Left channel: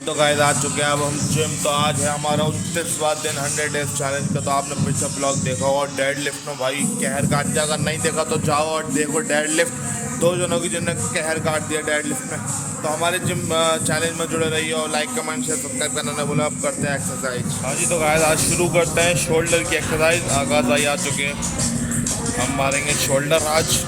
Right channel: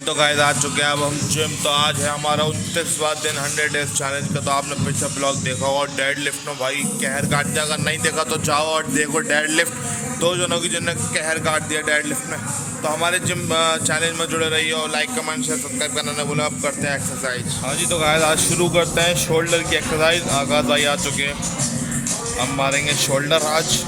तो गाइस आ चुके हैं अब हम जिम। तो आज है हमारा 29वां दिन 100 डेज चैलेंज का। तो आपने पिछला ब्लॉग देखा हो और डेड लिफ्ट में भाई कहर काट दिया। अगर नहीं देखा तो जाओ और देखो डेड लिफ्ट। 2 जनों की जिन्होंने कहर काट दिया डेड लिफ्ट में। तो हमारे जिम चैलेंज में जुड़े रहिए और लाइक कमेंट शेयर सब्सक्राइब करना ना बोला। अब करते हैं एक्सरसाइज। हाँ जी, तो गाइस आज शुरू करते हैं शोल्डर की एक्सरसाइज। आगाज भाई आ चुके हैं। हम मारेंगे शोल्डर आज।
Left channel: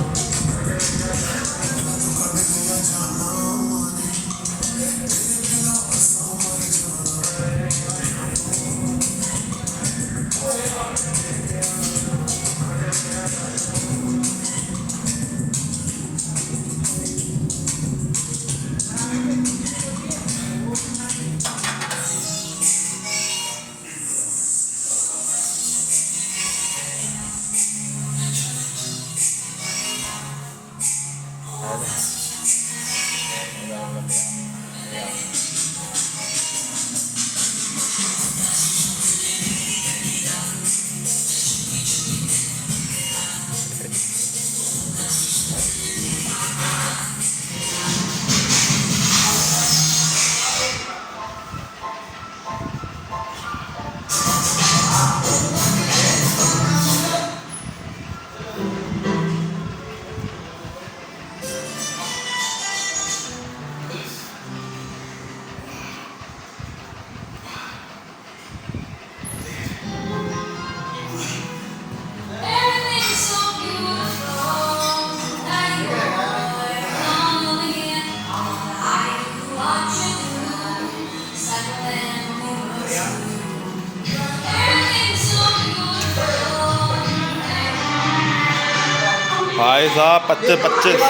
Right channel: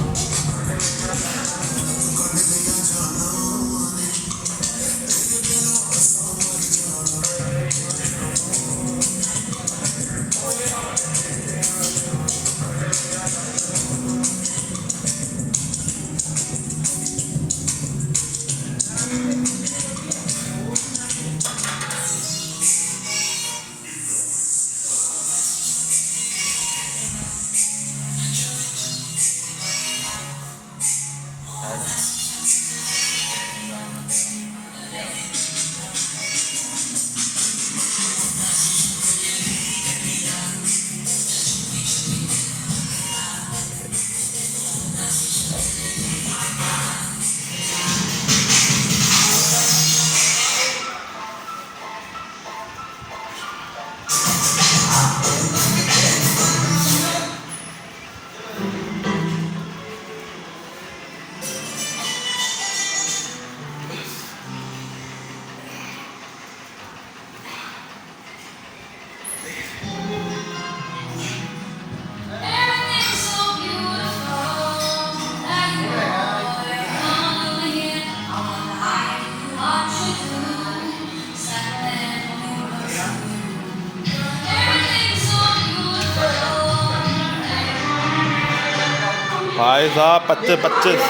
भाई साहब 25-25।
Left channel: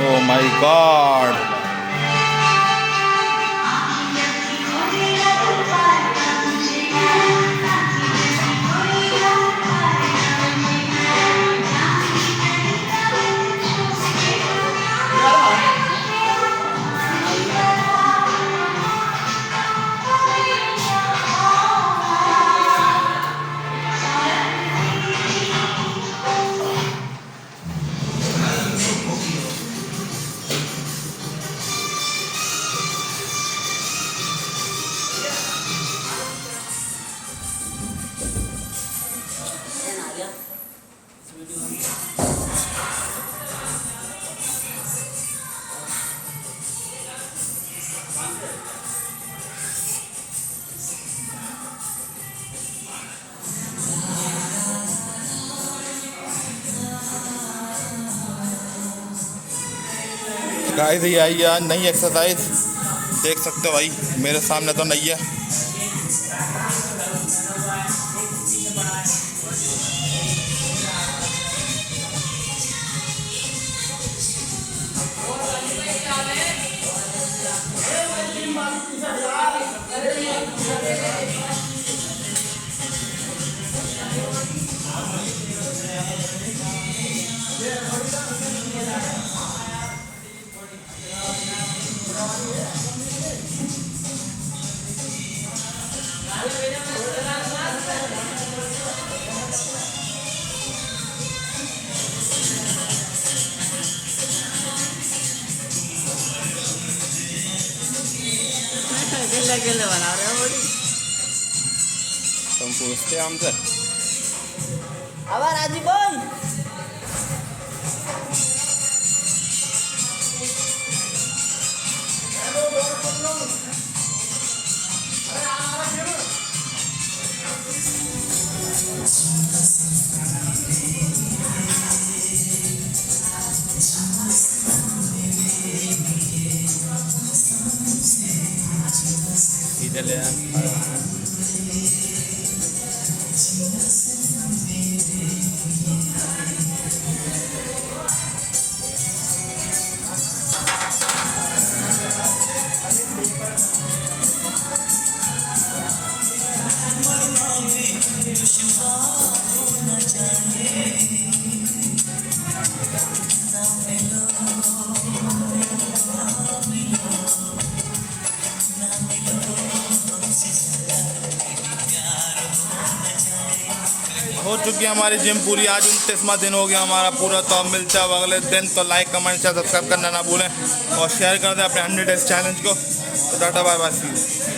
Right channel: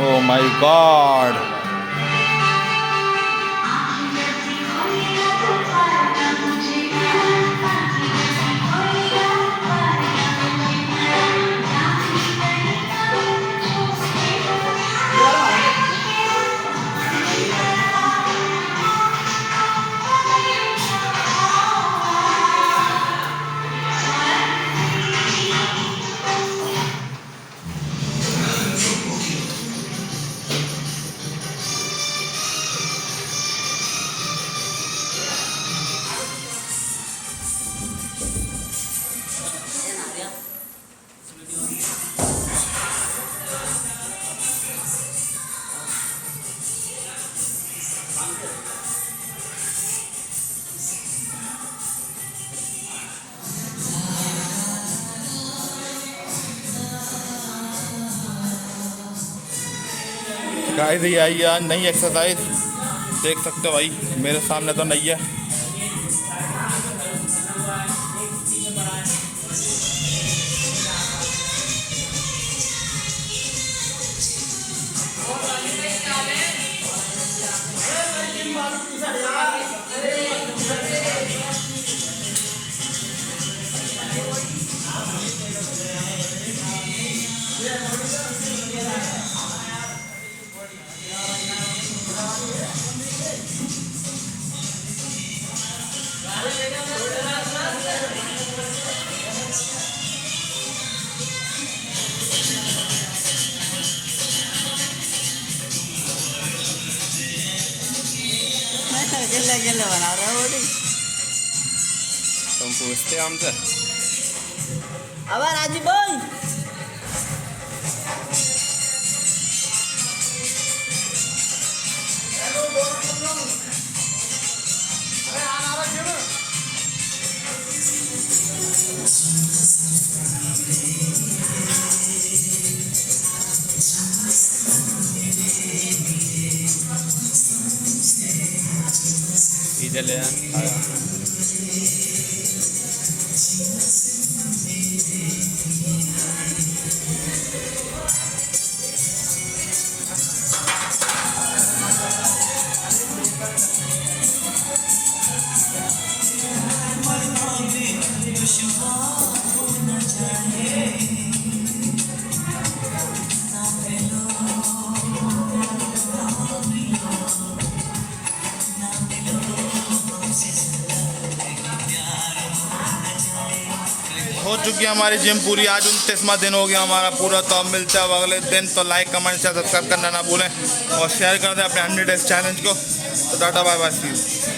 Oh my God. गाइस ये आई है नई एक्सरसाइज। देख सकते हो भाई मेरे सामने तो नई है। गिल्ले बना रहे हो बॉडी। तुम पूछते हमसे। अबे राजू भाई इधर ले चुकी है हमारी जिम पूरी। आज 29वां दिन हो गया हमारा पूरा। तो अब मिलते हैं अब अगले दिन। तो लाइक कमेंट शेयर सब्सक्राइब करना ना भूलें और शेयर कर दें अपने 100 डेज चैलेंज को। तो टाटा बाय बाय सी यू।